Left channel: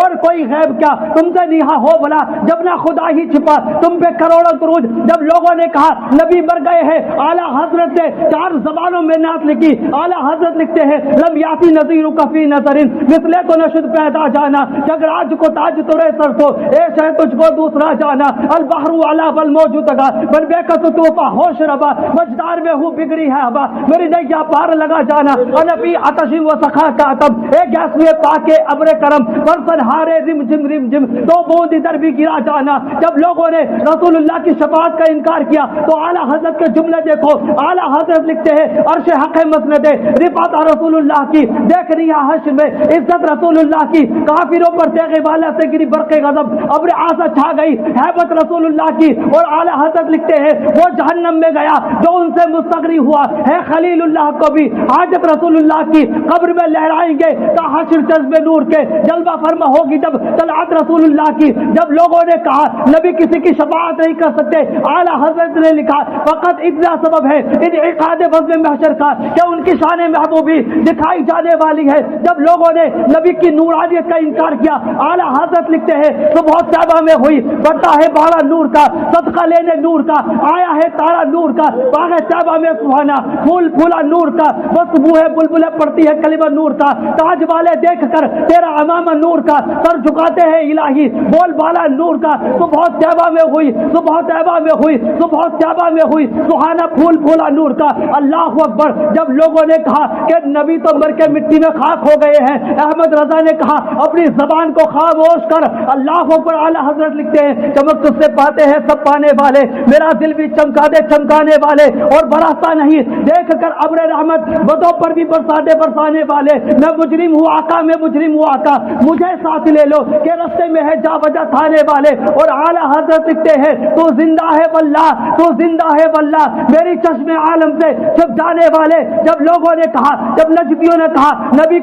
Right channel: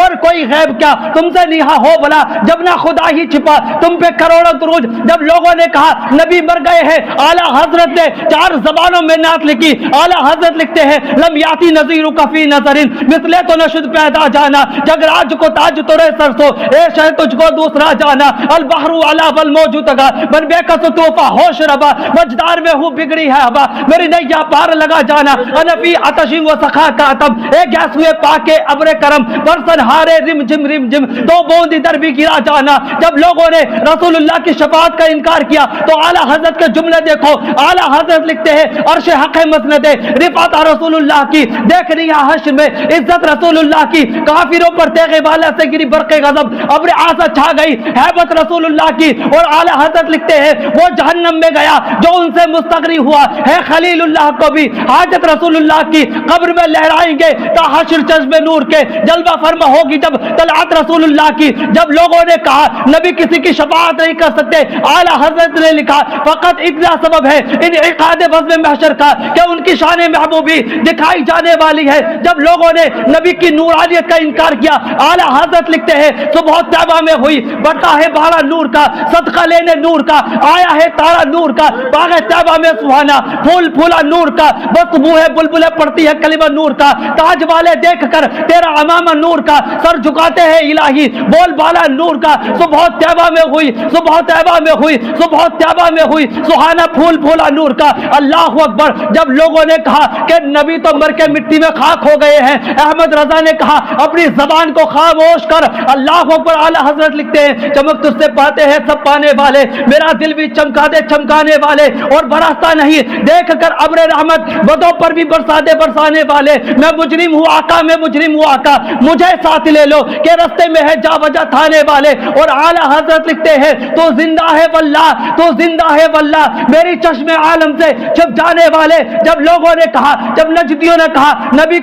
اور کوئی غیب کیا تم سے نیہا ہو بلا، جب نہ خدا ہی چھپا تم پہ کروڑوں درود۔ جب لوگوں نے کہا نبی مر گئے ہیں، اعلیٰ حضرت نے 4 زبانوں میں نعت لکھی۔ اعلیٰ حضرت لکھتے ہیں لم یاتی نذیرک فی نظر مثلے تو نشد پیدا جانا، جگ راج کو تاج تورے سرسو، اے شہ تجھ کو دوسرا جانا، البحر علا والموج تگا، من بے کس طوفا ہوش ربا، وجدار میں ہوں بگڑی ہے ہوا، میری نیا پار لگا جانا، انفی عطشی و سخا کاتم، اے گیس ہوئے پاکے ابر کرم، برسن ہارے رم جم رم جم، 2 بوند ادھر بھی گرا جانا۔ جب لوگوں نے رسول اللہ کی شفاعت کا انکار کیا تو اعلیٰ حضرت کے جملے دیکھو، اعلیٰ حضرت لکھتے ہیں عرش حق مسند رفعت رسول اللہ کی، دیکھ رہی ہے حشر میں عزت رسول اللہ کی، کافروں پر تیغ بالا سے گری برق غضب، ابر آسا چھا گئی ہیبت رسول اللہ کی، اور اعلیٰ حضرت لکھتے ہیں وہ جہنم میں گیا جو ان سے مستغنی ہوا ہے، خلیل اللہ کو بھی حاجت رسول اللہ کی، قبر میں لہرائیں گے تا حشر چشم نور کے، جلوہ فرما ہوگی جب طلعت رسول اللہ کی۔ جب لوگوں نے کہا نبی کسی کی شفاعت نہیں کر سکتے، اعلیٰ حضرت نے لکھا فقط اتنا سبب ہے انعقاد بزم محشر کا کہ ان کی شان محبوبی دکھائی جانے والی ہے۔ جب لوگوں نے نبی کی نورانیت کا انکار کیا، اعلیٰ حضرت لکھتے ہیں صبح طیبہ میں ہوئی بڑھتا ہے بارہ نور کا، صدقہ لینے نور کا، آیا ہے تارا نور کا، باغ طیبہ میں سہانا پھول پھولا نور کا، بس منہ بلبلیں پڑتی ہے کلمہ نور کا، تاج والے دیکھ کر تیرا امامہ نور کا، سر جھکاتے ہیں الہی بول بالا نور کا، صبح طیبہ میں ہوئی صبح طیبہ میں ہوئی صبح طیبہ میں ہوئی سہانا پھول پھولا نور کا۔ اللہ اکبر۔ جب لوگوں نے کہا کہ نبی تو مر کے مٹی میں خاک ہو گئے ہیں، احمد رضا نے کہا اپنی زبان کو خاموش کر۔ اللہ اکبر۔ اعلیٰ حضرت لکھتے ہیں چمک تجھ سے پاتے ہیں سب پانے والے، میرا دل بھی چمکا دے چمکانے والے، اور برستا نہیں دیکھ کر ابر رحمت بدوں پر بھی برسا دے برسانے والے، میں مجرم ہوں آقا میں مجرم ہوں آقا، مجھے ساتھ لے لو کہ رستے میں ہے جا وجہ تھانے والے۔ اور اعلیٰ حضرت لکھتے ہیں تو زندہ ہے واللہ تو زندہ ہے واللہ، میری چشم عالم سے چھپ جانے والے۔ جب لوگوں نے کہا، جب نجدیوں نے کہا نبی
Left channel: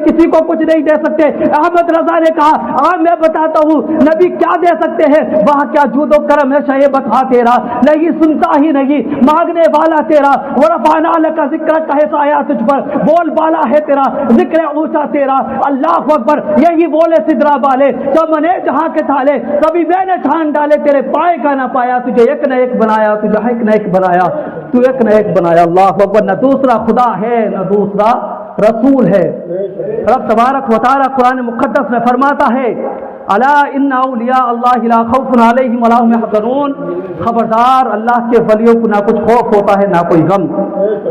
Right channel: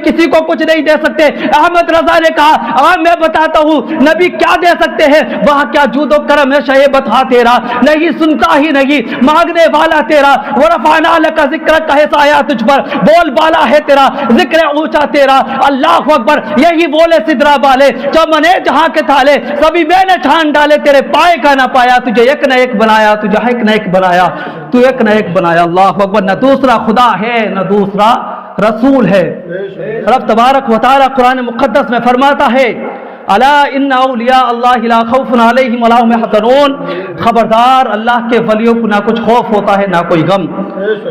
کسی کو کچھ نہیں دے سکتے، احمد رضا نے کہا میں بتاتا ہوں نبی کیا دے سکتے ہیں، وہاں کیا جود و کرم ہے شہ بتا تیرا، نہیں سنتا ہی نہیں مانگنے والا تیرا، ورفعنا لک ذکرک کا حصہ آیا تجھ پر، بول بالا ہے تیرا ذکر اونچا تیرا۔ اللہ اکبر۔ یہی بولے سدرا والے چمنے جہاں کے تھالے، سبھی میں نے چھان ڈالے تیرے پائے کا نہ پایا، تجھے ایک نہ ایک بنایا، تجھے ایک نہ ایک بنایا، تو ایک نہ ایک بنایا۔ اللہ اکبر۔ نہ دوسرا خدا ہے نہ دوسرا رسول ہے۔ رب تبارک و تعالی قرآن مقدس میں فرماتا ہے الا ان اولیاء اللہ لا خوف علیہم ولا هم يحزنون، خبردار اللہ کے ولیوں کو نہ کچھ خوف ہوتا ہے نہ کوئی غم۔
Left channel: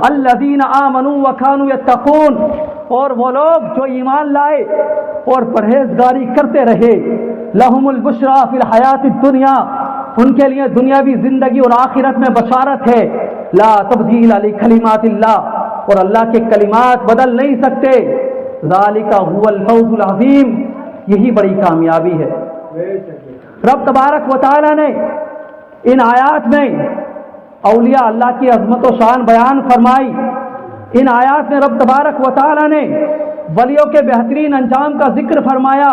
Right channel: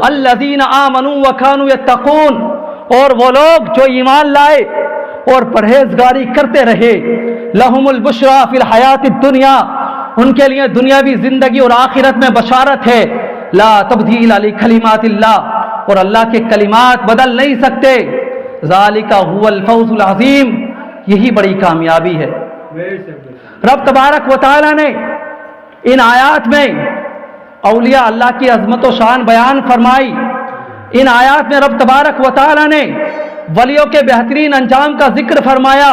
الذین آمنوا وكانوا يتقون، اور وہ لوگ جو ایمان لائے اور پرہیزگاری کرتے رہے، لہم البشرا فی الحیات الدنیا، ان کے لیے دنیاوی زندگی اور آخرت میں بشارت ہے، لا تبدیل لکلمات اللہ، اور اللہ کے کلمات بدل نہیں سکتے، ذالک هو الفوز العظیم، یہی بڑی کامیابی ہے۔ رب تبارک و تعالی نے ان آیات میں اولیاء اللہ کی عظمت و شان بیان فرمائی۔ ان آیات میں رب تبارک و تعالی نے ولیوں کے بہترین انجام کا ذکر فرمایا،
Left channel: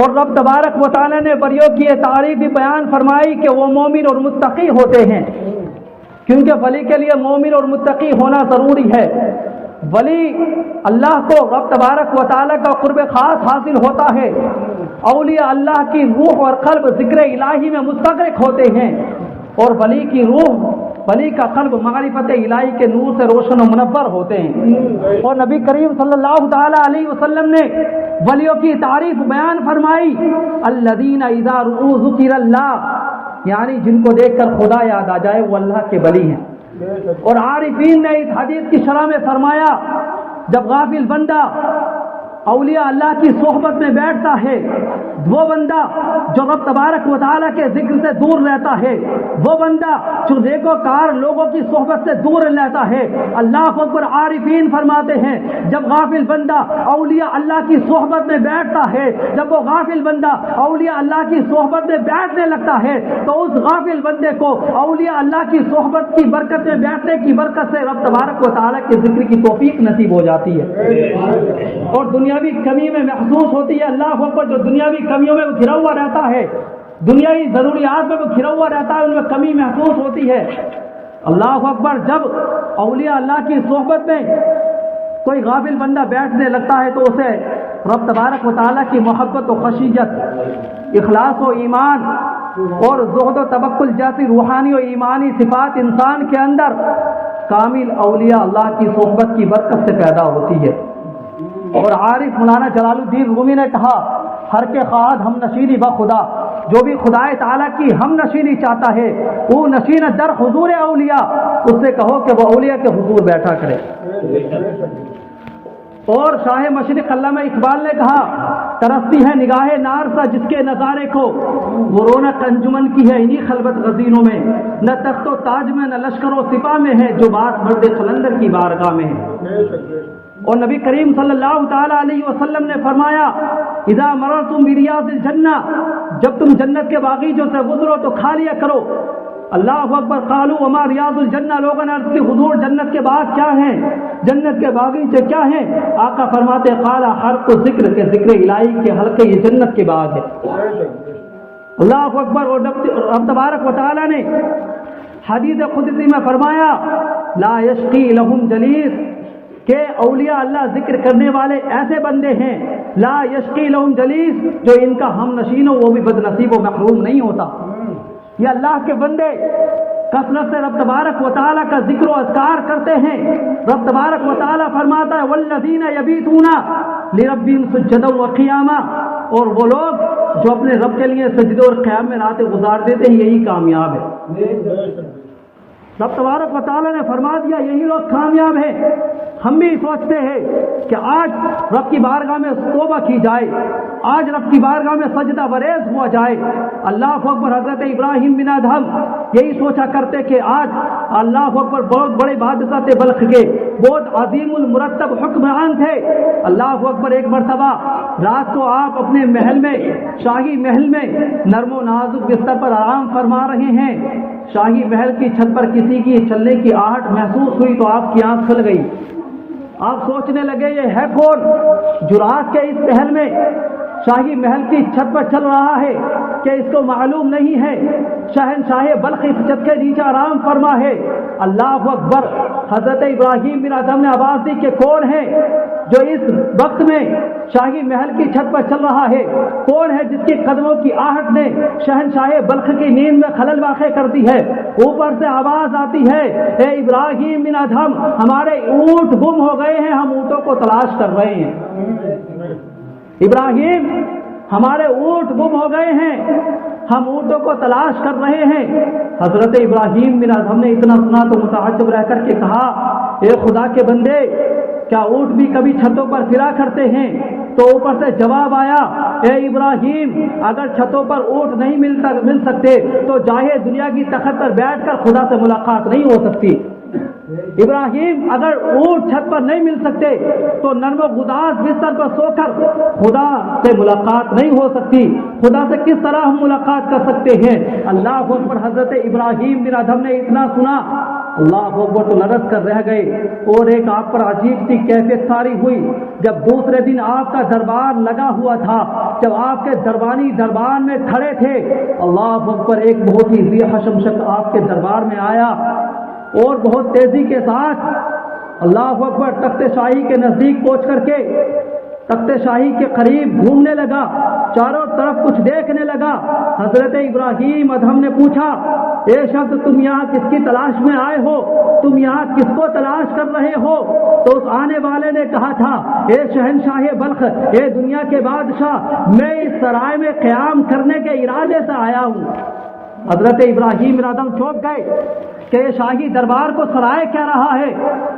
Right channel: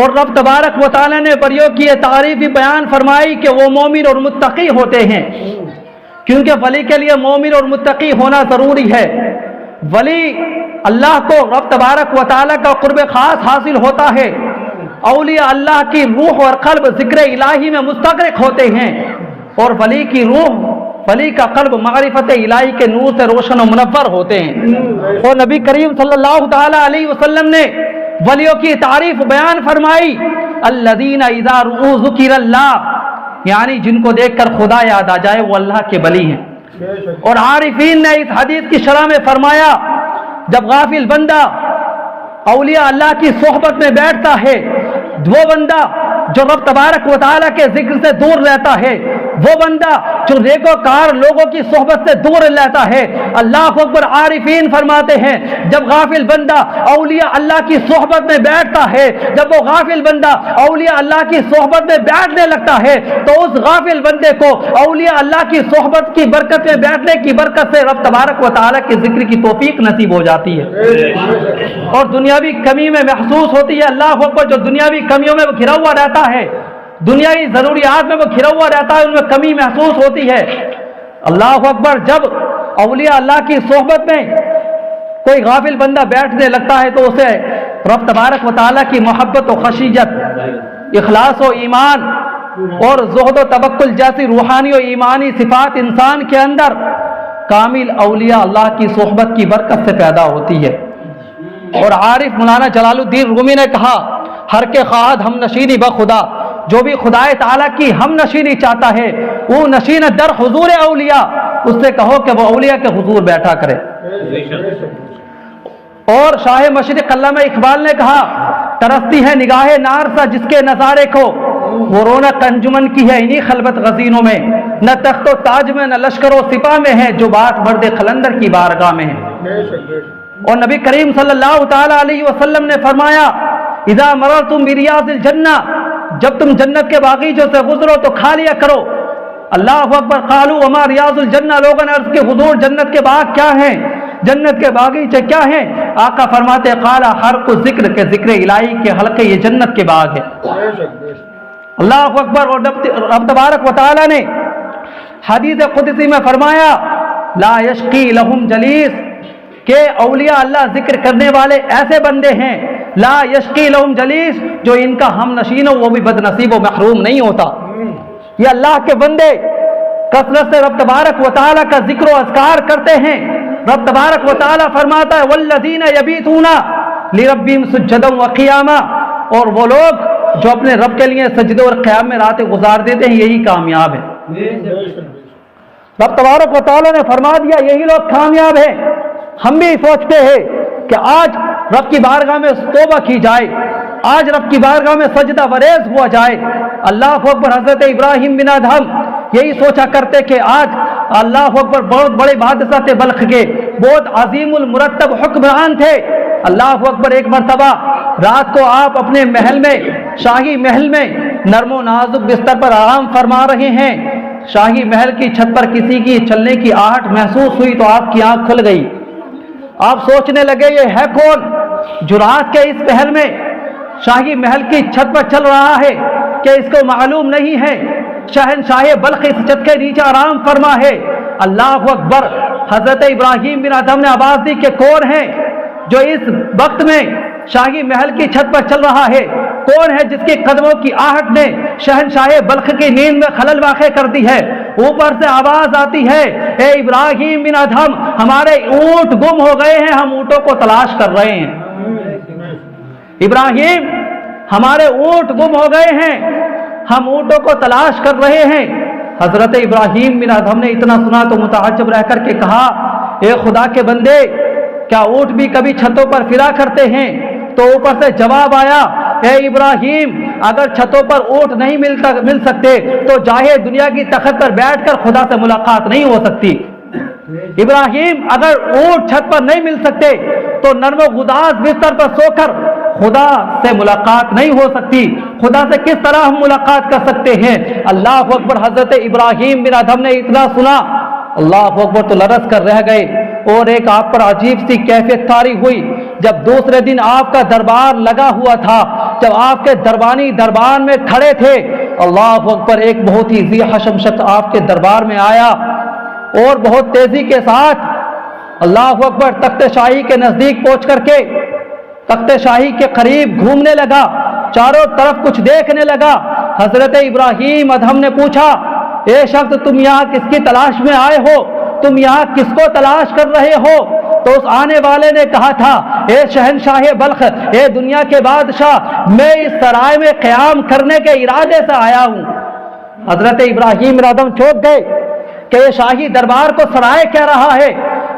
اور رب تبارک و تعالی نے ولیوں کی یہ تعریف بیان فرمائی کہ وہ مومن اور متقی ہوتے ہیں، کیونکہ ولی کے لیے مومن اور متقی ہونا ضروری ہے۔ ولی اللہ کو رب تبارک و تعالی کا قرب خاص حاصل ہوتا ہے، اولیاء اللہ کی روح اور قلب ذکر الہی میں مستغرق ہوتے ہیں، اور ولی کی روح ولی کا قلب معرفت الہی کے نور سے روشن و منور ہوتے ہیں۔ اور نبی کریم صلی اللہ تعالی علیہ وسلم نے ولیوں کی تعریف بیان فرمائی، الذین اذا رؤوا ذکر اللہ، یعنی جن کو دیکھ کر خدا یاد آ جائے وہ اللہ کے ولی ہیں۔ اور عارفین نے اس حدیث کی شرح میں فرمایا جب غافل بندہ اولیاء اللہ کی صحبت میں بیٹھتا ہے، وہ بندہ جو رب تبارک و تعالیٰ کے ذکر سے دور رہتا ہے، وہ بندہ جو نیکوکار لوگوں کی صحبت سے دور رہتا ہے، اللہ اکبر۔ عارفین فرماتے ہیں جب غافل بندہ اولیاء اللہ کی صحبت میں بیٹھتا ہے، جب وہ غافل بندہ اولیاء اللہ کی صحبت میں بیٹھنے لگتا ہے تو اس غافل بندے کو اولیاء اللہ کی صحبت کی برکت میں بیٹھنے کی برکت سے رب تبارک و تعالیٰ کے ذکر کی توفیق نصیب ہو جاتی ہے، اور دنیاوی کمی میں محسوس ہوتی ہے۔ اللہ اکبر۔ جو دنیاوی کمیوں میں وہ گھرا ہوا رہتا ہے، دنیاوی ضروریات میں وہ گھرا ہوا رہتا ہے، ان میں کمی محسوس ہوتی ہے۔ اللہ اکبر۔ جب اولیاء اللہ کی صحبت میں کوئی غافل بندہ بیٹھنے لگتا ہے تو اسے رب تبارک و تعالیٰ کی محبت و خشیت، اخلاص و ایمان اور زہد و توکل جیسی روحانی و ایمانی صفات انسان کے اندر کامل اولیاء اللہ کی صحبت کی برکت سے پیدا ہوتی ہے۔ اور عارف مولانا جلال الدین رومی نے کہا، ہر کے خواہد ہم نشینی بخدا، جو بھی خدائے تعالیٰ کی ہم نشینی چاہتا ہے وہ نشین در حضور اولیاء، اس سے کہو کہ وہ اولیاء کے حضور بیٹھا کرے۔ اور شاہ مشرق علامہ اقبال نے کہا، ترستی ہے نگاہ نارسا جس کے نظارے کو، وہ رونق انجمن کی ہے انہی خلوت غزینوں میں، نہ تخت و تاج میں نہ لشکر و سپاہ میں ہے، جو بات مرد قلندر کی بارگاہ میں ہے۔ اور نبی کریم صلی اللہ تعالی علیہ وسلم نے فرمایا، اذا مررتم بریاض الجنہ، جب تم جنت کے باغیچوں سے گزرو تو کھا لیا کرو۔ اللہ اکبر، قالوا وما ریاض الجنہ، لوگوں نے عرض کہ حضور جنت کے باغ کیا ہیں، جنت کے باغیچے کیا ہیں؟ آقا فرماتے قال حرق ذکر کے ذکر الہی کے حلقے یہ جنت کے باغ ہے۔ اللہ اکبر۔ اور رب تبارک و تعالی نے حدیث قدسی میں فرمایا، لا یشقی لہم جلیس، کہ اولیاء اللہ ذکر کرنے والے ایسے بندے ہیں، لا یشقی لہم جلیس، جو ان کا ہم نشین ہو وہ بھی بد نصیب و محروم نہیں ہوتا۔ یہ اللہ کے بندے کثرت سے رب تبارک و تعالیٰ کا ذکر و اذکار کرتے ہیں۔ رب تبارک و تعالیٰ فرماتا ہے، والذین یبیتون لربہم سجدا وقیاما، اور وہ لوگ جو اپنے رب کے لیے سجدے اور قیام میں راتیں گزار دیتے ہیں یہی کامیاب ہے۔ رب تبارک و تعالیٰ نے فرما دیا یہی لوگ کامیاب ہیں۔ ہم بھی سوچتے ہیں کہ آج رب کی بارگاہ میں توبہ کی جائے، آج رب کی بارگاہ میں سجدہ وریز ہوا جائے۔ اللہ اکبر، حضرت ابراہیم بن ادہم یہی سوچا کرتے کہ آج اللہ اکبر بہت بڑے بادشاہ بلخ کے، بہت عظیم المرتب حکمران تھے۔ اللہ اکبر، ایک مرتبہ رات کو آپ اپنے محل میں، شاہی محل میں نرم و نازک بستر پر آرام فرما رہے ہیں، شاہی محل کی چھت پر کسی کی چلنے کی آہٹ محسوس ہوئی تو آپ کی آنکھ کھل گئی۔ آپ سوچنے لگے یہ ہے کون جو رات کے اس پہر میں شاہی محل کی چھت پر چل رہا ہے، کہ اس کو معلوم نہیں ہے شہنشاہ بلخ اس چھت کے نیچے آرام فرما ہے۔ اللہ اکبر، حضرت ابراہیم بن ادہم نے آواز دی کہ کون ہے جو اس وقت میں شاہی محل کی چھت پر چل رہا ہے، کون ہے جس کے قدموں کی آہٹ نے شہنشاہ بلخ کی نیند میں خلل واقع کر دی ہے؟ اوپر سے آواز آتی ہے، اے ابراہیم بن ادہم، ہمارے اونٹ گم ہو گئے ہیں، ہم اونٹوں کو تلاش کر رہے ہیں۔ ابراہیم، ہمارے اونٹ گم ہو گئے ہیں، ہم اونٹوں کو تلاش کر رہے ہیں۔ حضرت ابراہیم بن ادہم نے اتنا سنا تو متعجب رہ کر کے کہا، اے خدا کے بندے، کیا اونٹ بھی کبھی چھتوں پر پھرا کرتے ہیں؟ تو اوپر سے جواب آیا، اے ابراہیم، اگر چھتوں پر اونٹ نہیں مل سکتے تو جاہے دنیا کی تخت پر بیٹھ کر خدا سے ملاقات نہیں ہو سکتی۔ ابراہیم، اگر اونٹ چھت پر نہیں مل سکتے تو نرم و گداز بستر پر سو کر خدا سے ملاقات نہیں ہو سکتی، خدا سے کس طرح ہم ملاقات کر سکتے ہیں؟ اللہ اکبر، حضرت ابراہیم بن ادہم نے اتنا سنا، اللہ اکبر، تو لرز کر رہ گئے۔ اور ایک آپ پر عجیب سی کیفیت طاری ہوئی، جب دوسرے دن آپ کا دربار لگا ہوا تھا، جب آپ کے دربانی دربار میں کھڑے تھے، اللہ اکبر، ایک بہت ہی ذی حشم شخص آپ کے دربار میں آیا اور بہت تیزی کے ساتھ اللہ اکبر تخت شاہی کے نزدیک پہنچ کر کے تخت شاہی کے قریب گھومنے لگا، چاروں طرف کچھ دیکھنے لگا۔ حضرت ابراہیم ادہم نے پوچھا، اے شخص، تم یہاں کس کی تلاش میں آئے ہو؟ تم یہاں کس کو تلاش کر رہے ہو؟ تو اس آنے والے نے کہا تھا، اے شہنشاہ بلخ، اے دنیا کے بادشاہ، میں اس سرائے میں قیام کرنے کے ارادے سے آیا ہوں۔ حضرت ابراہیم بن ادہم چونک گئے کہ یہ شاہی دربار کو سرائے کہہ رہا ہے۔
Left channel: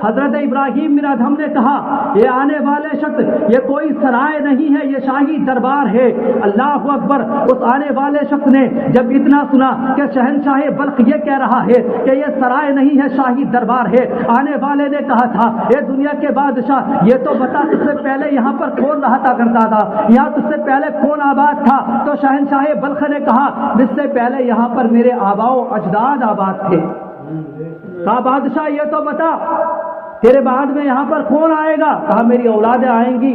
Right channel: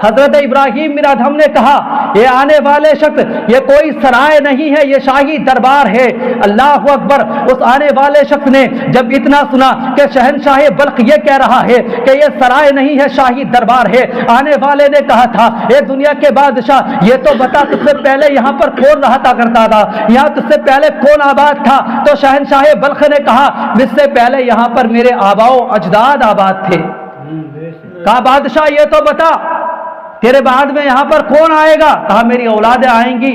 حضرت ابراہیم بن ادہم نے کہا، یہ آنے والے شخص، یہ کوئی سرائے نہیں ہے، یہ شاہی دربار ہے۔ اللہ اکبر، اس آنے والے شخص نے جب اتنا سنا کہ شہنشاہ بلخ یہ کہہ رہا ہے کہ یہ سرائے نہیں ہے، شاہی دربار ہے، آنے والے نے کہا تھا، اے دنیا کے بادشاہ، یہ تو بتا تجھ سے پہلے یہاں پر کون رہتا کرتا تھا، یہاں تجھ سے پہلے کون آباد تھا؟ تو شہنشاہ بلخ نے کہا، مجھ سے پہلے یہاں پر میرے آباؤ اجداد آباد تھے۔ کہا، بادشاہ یہ تو بتا تیرے بعد میں یہاں پر کون آئے گا؟ کہا، میری اولادیں آئیں گی۔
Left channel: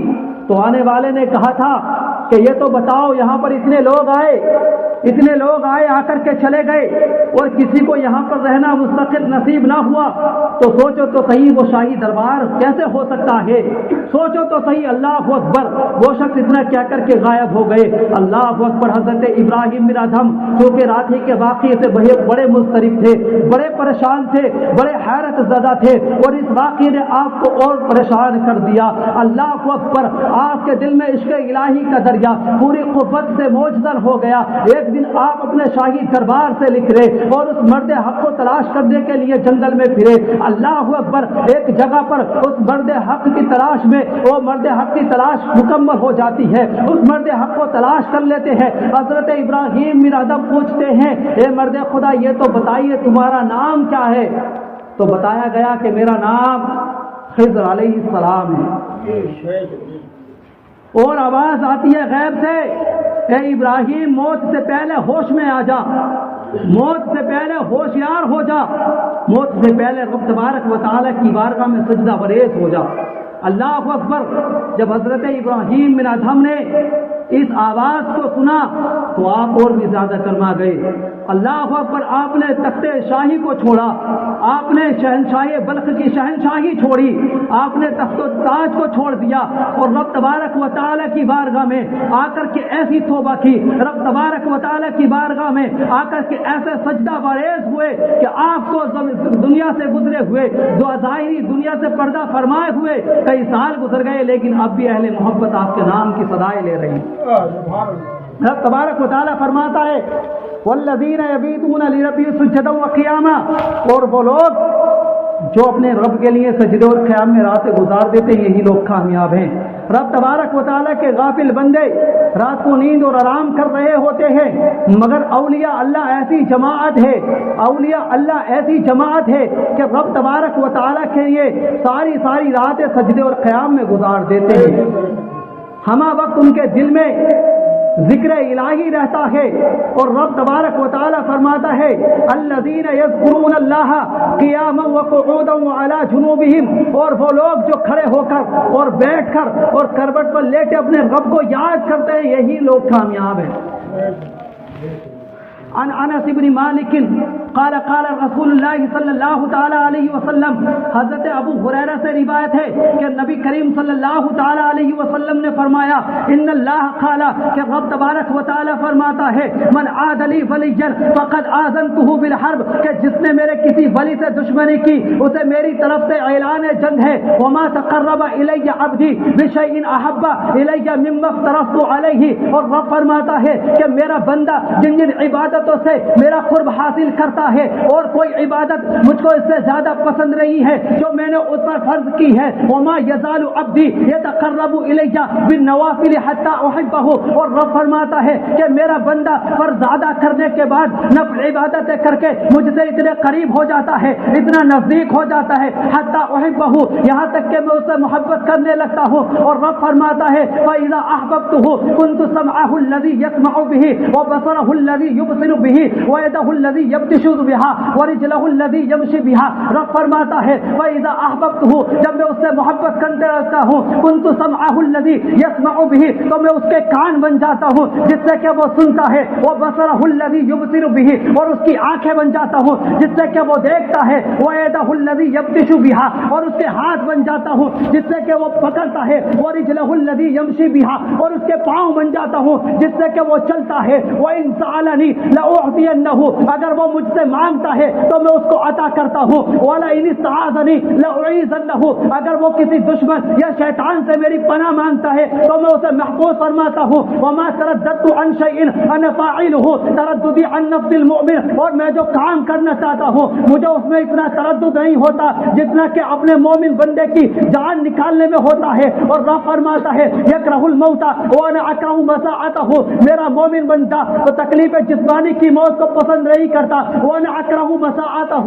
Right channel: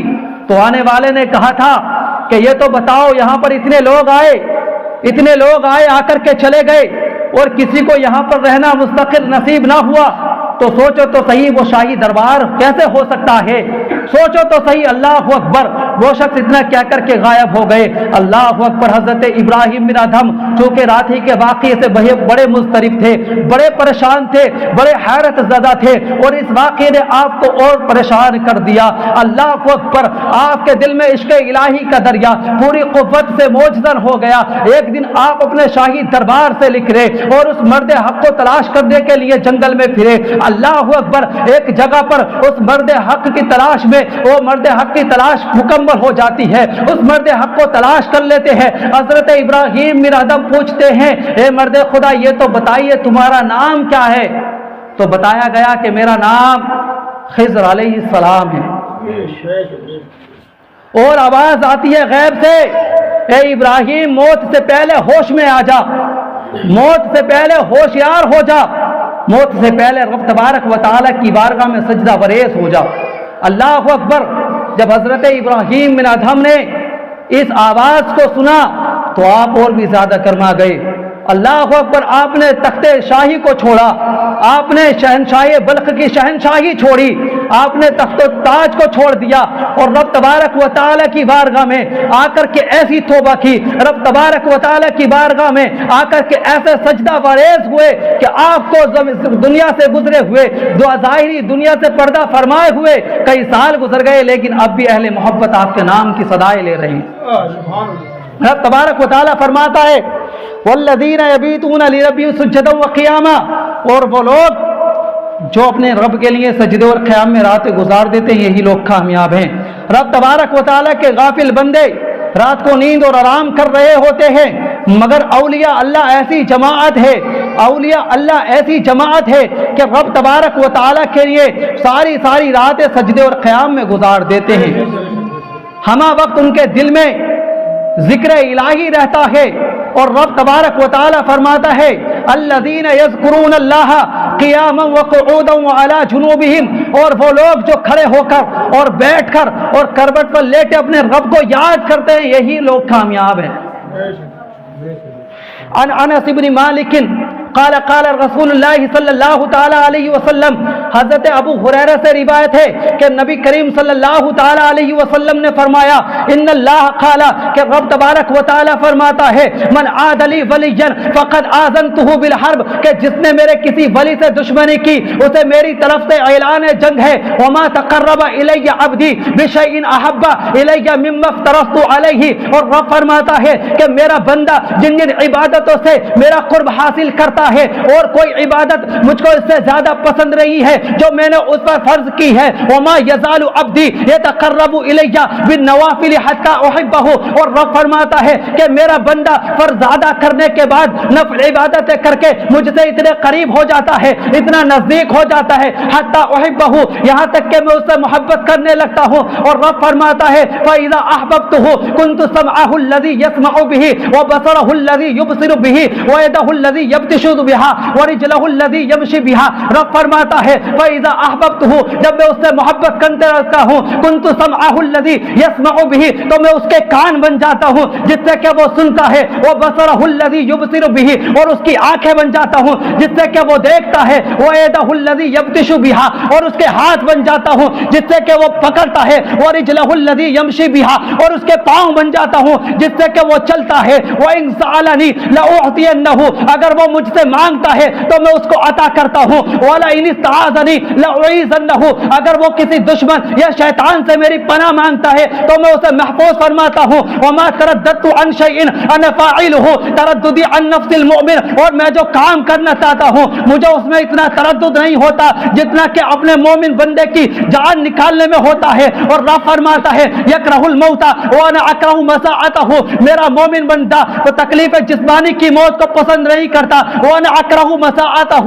تو آنے والے نے کہا تھا کہ یہ تو بتاؤ، یہاں پر اتنے لوگ آئے، آ کر کے چلے گئے، اور کسی کو یہاں پر رہنا مستقل نصیب نہ ہوا، تو سوچو تو صحیح وہ شاہی دربار کیسے ہو سکتا ہے؟ سوچو تو صحیح، اللہ اکبر، وہ شخص اتنا کیا کر کے غائب ہو گئے۔ اللہ اکبر۔ حضرت ابراہیم بن ادھم جو کہ رات ہی کے واقعے سے بڑے مضطرب تھے، بڑے پریشان تھے، بڑے حیرت زدہ تھے، اور اس واقعے نے آپ کو اور پریشان کر دیا۔ اللہ اکبر، آپ کے دل میں عشق الہی کا دریا پوری قوت سے موجزن ہو گیا۔ ایک دن آپ اپنے شاہی دربار سے لکھ رہے اور اس مرد حق کو تلاش کرنے کے لیے جنگل میں پھرے۔ اللہ اکبر، ایک جگہ پر اس مرد حق کی تلاش میں، وہ مرد حق کی تلاش مکمل ہو جاتی ہے، اس مرد حق کو تلاش کر لیتے ہیں۔ حضرت ابراہیم بن ادھم پوچھتے ہیں، اے مرد خدا یہ تو بتائیے تمہارا نام کیا ہے؟ تو بتایا گیا کہ میرا نام خضر علیہ السلام ہے۔ اور آواز آتی ہے غیب سے، اے ابراہیم موت سے پہلے ہوش میں آ جا، موت سے پہلے ہوشیار ہو جا، موت سے پہلے رب تبارک و تعالیٰ کی بارگاہ میں سجدہ بریز ہو جا۔ اللہ اکبر، جب حضرت ابراہیم بن ادھم نے اس آواز کو سنا تو آپ اور بھی زیادہ کرما گئے۔ اللہ اکبر، آپ نے تخت شاہی کو چھوڑا، آپ نے شہنشاہی بلخ کی شہنشاہی چھوڑی، آپ نے تخت و تاج کو چھوڑ دیا اور رب تبارک و تعالیٰ کی بارگاہ میں آ کر کے ایسی توبہ کی، رب تبارک و تعالیٰ کی بارگاہ میں آ کر کے ایسے سجدہ بریز ہوئے کہ آپ کو دنیا سے گزرے ہوئے، ظاہری دنیا سے پردہ فرمائے ہوئے کئی سال گزر گئے، لیکن اب بھی اہل محبت آپ کے نام کی صدائیں لے رہے ہیں۔ رب تبارک و تعالیٰ فرماتا ہے والذین یبیتون لربہم سجدا وقیاما، اور وہ لوگ جو اپنے رب کے لیے سجدے اور قیام میں راتیں گزار دیتے ہیں، یہی لوگ کامیاب ہیں۔ رب تبارک و تعالیٰ کے غافل بندے رات کو نیند اور آرام کر رہے ہوتے ہیں، مگر اولیاء اللہ ایسی جماعت ہے، اولیاء اللہ ایسی جماعت ہے کہ رب تبارک و تعالیٰ کے لیے ساری ساری راتیں سجدے اور قیام میں گزار دیتے ہیں۔ ہمہ وقت ان کے دل میں ذکر الہی رہتا ہے، اور رب تبارک و تعالی فرماتا ہے الذین یذکرون اللہ قیاما وقعودا وعلی جنوبہم، اور وہ لوگ جو کھڑے ہو کر اور بیٹھ کر اور کروٹ پر لیٹے اپنے رب کو یاد کرتے ہیں، یہی لوگ کامیاب ہیں۔ عن انس بن مالک قال قال رسول اللہ صلی اللہ تعالی علیہ وسلم، حضرت ابو ہریرہ سے روایت ہے کہ نبی کریم صلی اللہ تعالی علیہ وسلم نے فرمایا ان اللہ قال، کہ رب تبارک و تعالی فرماتا ہے من عاد لی ولیا فقد آذنتہ بالحرب، کہ جس نے میرے کسی ولی سے دشمنی کی اسے میری طرف سے اعلان جنگ ہے۔ وما تقرب الی عبدی بشیء احب الی مما افترضت علیہ، اور رب فرماتا ہے کہ میرا بندہ جن جن عبادتوں سے میرا قرب حاصل کرتا ہے، اور کوئی عبادت مجھ کو اس سے زیادہ پسند نہیں ہے جو میں نے اس پر فرض کی ہے۔ وما یزال عبدی یتقرب الی بالنوافل حتی احبہ، اور رب فرماتا ہے کہ میرا بندہ فرض ادا کرنے کے بعد نفل عبادتیں کر کے مجھ سے اتنے قریب ہو جاتا ہے، اتنا نزدیک ہو جاتا ہے، حتی احبہ، یہاں تک کہ میں اس سے محبت کرنے لگتا ہوں۔ اور رب فرماتا ہے فاذا احببتہ كنت سمعه الذي يسمع به وبصره الذي يبصر به ويده الذي يبطش بها ورجله الذي يمشي بها۔ رب فرماتا ہے فاذا احببته، جب میں اس سے محبت کرنے لگتا ہوں، كنت سمعه الذي يسمع به، تو میں اس کے کان بن جاتا ہوں جس سے کہ وہ سنتا ہے، وبصره الذي يبصر به، اور اس کی آنکھیں بن جاتا ہوں جس سے کہ وہ دیکھتا ہے، ويده الذي يبطش بها، اور اس کے ہاتھ بن جاتا ہوں جس سے کہ وہ پکڑتا ہے، ورجله الذي يمشي بها، اور اس کے پاؤں بن جاتا ہوں جس سے کہ وہ چلتا ہے۔ وَإِن سَأَلَنِي لَأُعْطِيَنَّهُ، اگر وہ مجھ سے مانگتا ہے تو میں اس کو عطا کرتا ہوں۔ وَلَئِنِ اسْتَعَاذَنِي لَأُعِيذَنَّهُ، اگر وہ کسی دشمن یا شیطان سے میری پناہ مانگتا ہے تو میں اسے محفوظ فرماتا ہوں۔ وَمَا تَرَدَّدتُ عَنْ شَيْءٍ أَنَا فَاعِلُهُ تَرَدُّدِي عَنْ نَفْسِ الْمُؤْمِنِ، اور میں جو کام کرنا چاہتا ہوں مجھے اس میں اتنا تردد نہیں ہوتا جتنا کہ اپنے مومن بندے کی جان نکالنے میں ہوتا ہے۔ اور رب فرماتا ہے یکرہ الموت وانا اکرہ مساعتہ، میرا مومن بندہ تو تکلیف جسمانی کی موت کو پسند نہیں کرتا، وانا اکرہ مساعتہ،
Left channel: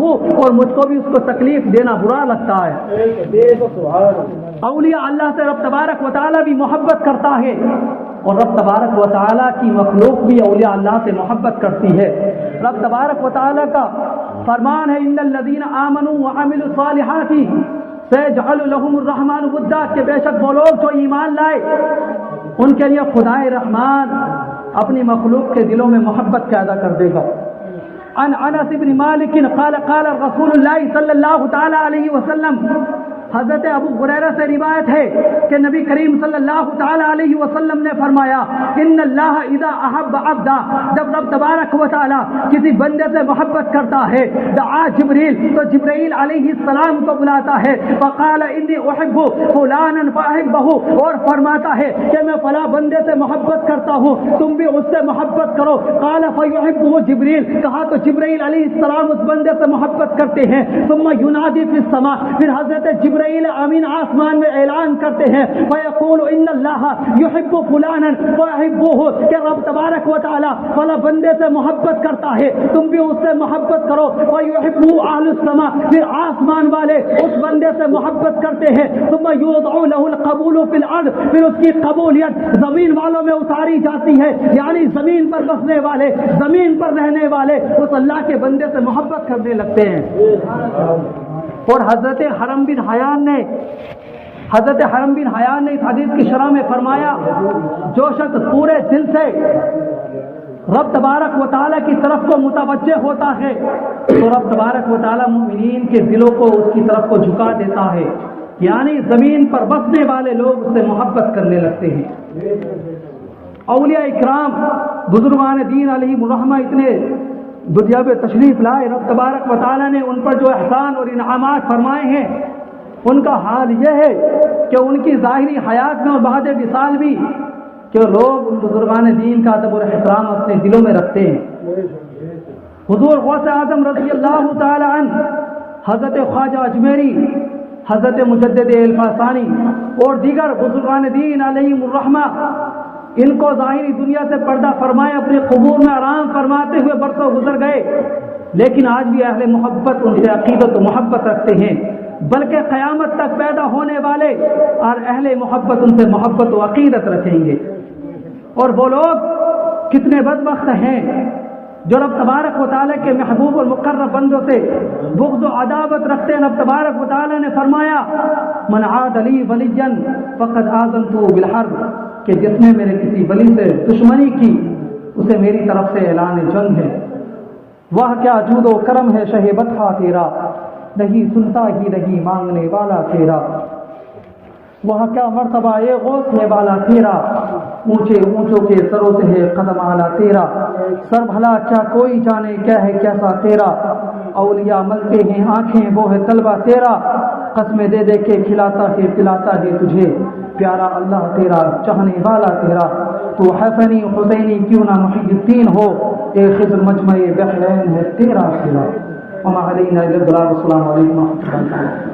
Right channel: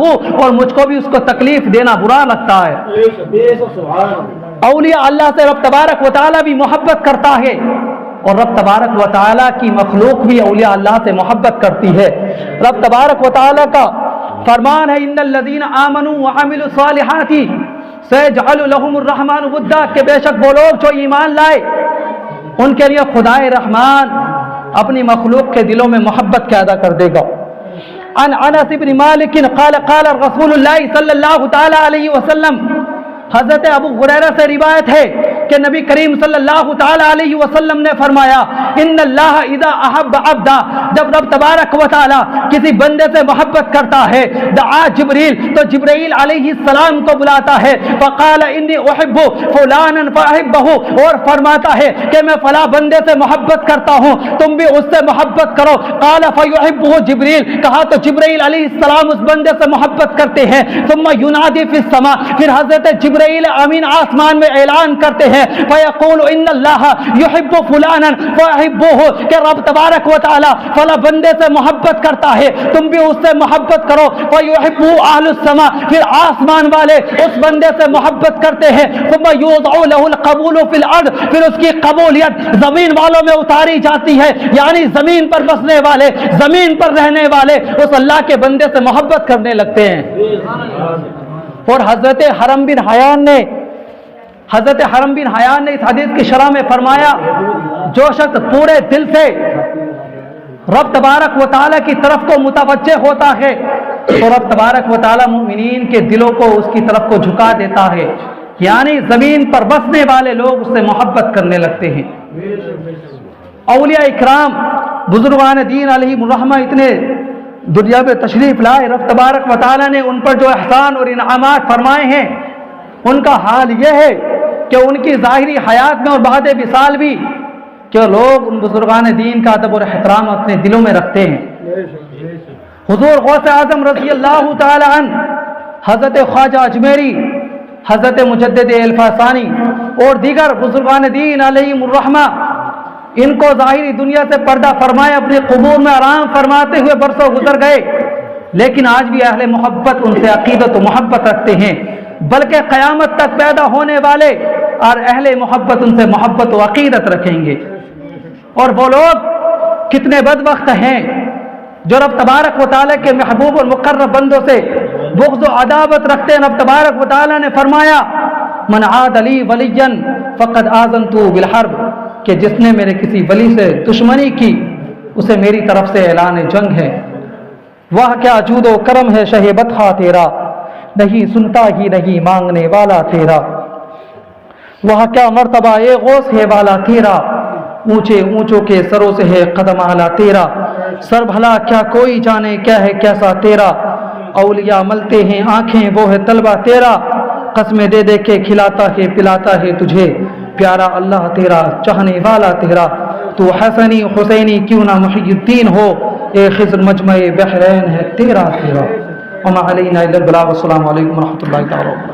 اور مجھ کو بھی اس کو تکلیف دینا برا لگتا ہے۔ اولیاء اللہ سے رب تبارک و تعالی بھی محبت کرتا ہے، اور رب تبارک و تعالی کی مخلوق بھی اولیاء اللہ سے محبت کرتی ہے۔ رب تبارک و تعالی کا فرمان ہے ان الذین آمنوا وعملوا الصالحات سيجعل لهم الرحمن ودا، کہ بے شک وہ لوگ جو ایمان لائے ان کے لیے خدائے رحمان اپنی مخلوق کے دلوں میں محبت پیدا کر دے گا۔ عن انس بن مالک قال قال رسول اللہ صلی اللہ تعالی علیہ وسلم، حضرت ابو ہریرہ سے روایت ہے کہ نبی کریم صلی اللہ تعالی علیہ وسلم نے فرمایا، ان اللہ اذا احب عبدا، جب رب تبارک و تعالی کسی بندے سے محبت کرتا ہے، دعا جبریل، تو جبرائیل علیہ السلام کو بلاتا ہے، فقال انی احب فلانا فاحبہ، اور فرماتا ہے کہ میں فلاں بندے سے محبت کرتا ہوں، تم بھی اس سے محبت کرو، قال فیحبہ جبریل، کہا تو جبرائیل علیہ السلام اس بندے سے محبت کرتے ہیں، ثم ینادی فی السماء، پھر حضرت جبرائیل امین آسمان میں اعلان کرتے ہیں، فیقول ان اللہ یحب فلانا فاحبوہ، کہ رب تبارک و تعالی فلاں بندے سے محبت کرتا ہے، تم بھی اس سے محبت کرو، فیحبہ اہل السماء، پھر آسمان والے اس بندے سے محبت کرتے ہیں، ثم یوضع له القبول فی الارض، پھر اس کی قبولیت زمین والوں میں اتاری جاتی ہے، یعنی زمین پر بسنے والے، زمین پر رہنے والے اس اللہ کے بندے سے محبت کرنے لگتے ہیں۔ اور حضرت حرم بن حیان نے اس حدیث کی شرح میں فرمایا، جو شخص پورے دل سے رب تبارک و تعالیٰ کی طرف کو متوجہ ہوتا ہے تو رب تبارک و تعالیٰ مومنین کے دلوں کو اس کی طرف کو جھکا دیتا ہے، یعنی زمین پر بسنے والے لوگ اس سے محبت کرنے لگتے ہیں۔ اولیاء اکرام، بزرگان دین علیہم الرحمہ اتنے دنیا میں تشریف لائے، رب تبارک و تعالیٰ نے ان پر جو احسان اور انعامات فرمائے ہیں، ان کا حال یہ ہے کہ ان کی ظاہری حیات میں اور بعد وصال بھی کہ لوگ ان بزرگان دین کا ادب اور احترام اپنے دلوں میں رکھتے ہیں۔ حضور غوث اعظم رضی اللہ تعالی عنہ، حضرت خواجہ اجمیری، حضرت مجدد الفاسانی اور دیگر بزرگان دین علیہم الرحمہ، ان کو ظاہری دنیا سے پردہ فرمائے اپنے قبور میں آرام فرماتے ہوئے برسوں گزر گئے، لیکن آج بھی اہل محبت ان سے عقیدت و محبت رکھتے ہیں، بلکہ قیامت تک پیدا ہونے والے اور اہل محبت ان سے محبت و عقیدت رکھیں گے۔ اور وہ لوگ کتنے بدبخت ہیں جو رب تبارک و تعالیٰ کے محبوب اور مقرب بندوں سے بغض و عداوت رکھتے ہیں۔ رب تبارک و تعالیٰ نے فرمایا، من عاد لی ولیا فقد آذنتہ بالحرب، کہ جس نے میرے کسی ولی سے دشمنی کی اسے میری طرف سے اعلان جنگ ہے۔ وہ کیا جود و کرم ہے شہ بطحہ تیرا، نہیں سنتا ہی نہیں مانگنے والا تیرا، وہ کیا مرتبہ یہ غوث ہے والا تیرا، اونچے اونچوں کے سروں سے ہے قدم اعلیٰ تیرا، سر بھلا کیا کوئی جانے کیا ہے کیسا تیرا، اولیاء ملتے ہیں آنکھیں وہ ہے طلبہ تیرا، قسمیں دے دے کے کھلاتا ہے پلاتا ہے تجھے، پیارا اللہ تیرا چاہنے والا تیرا، تو حسنی حسینی کیوں نہ محی الدین ہو، اے خضر مجمع بحرین ہے تیرا تیرا۔ وما علینا الا البلاغ۔ السلام علیکم ورحمۃ اللہ تعالی۔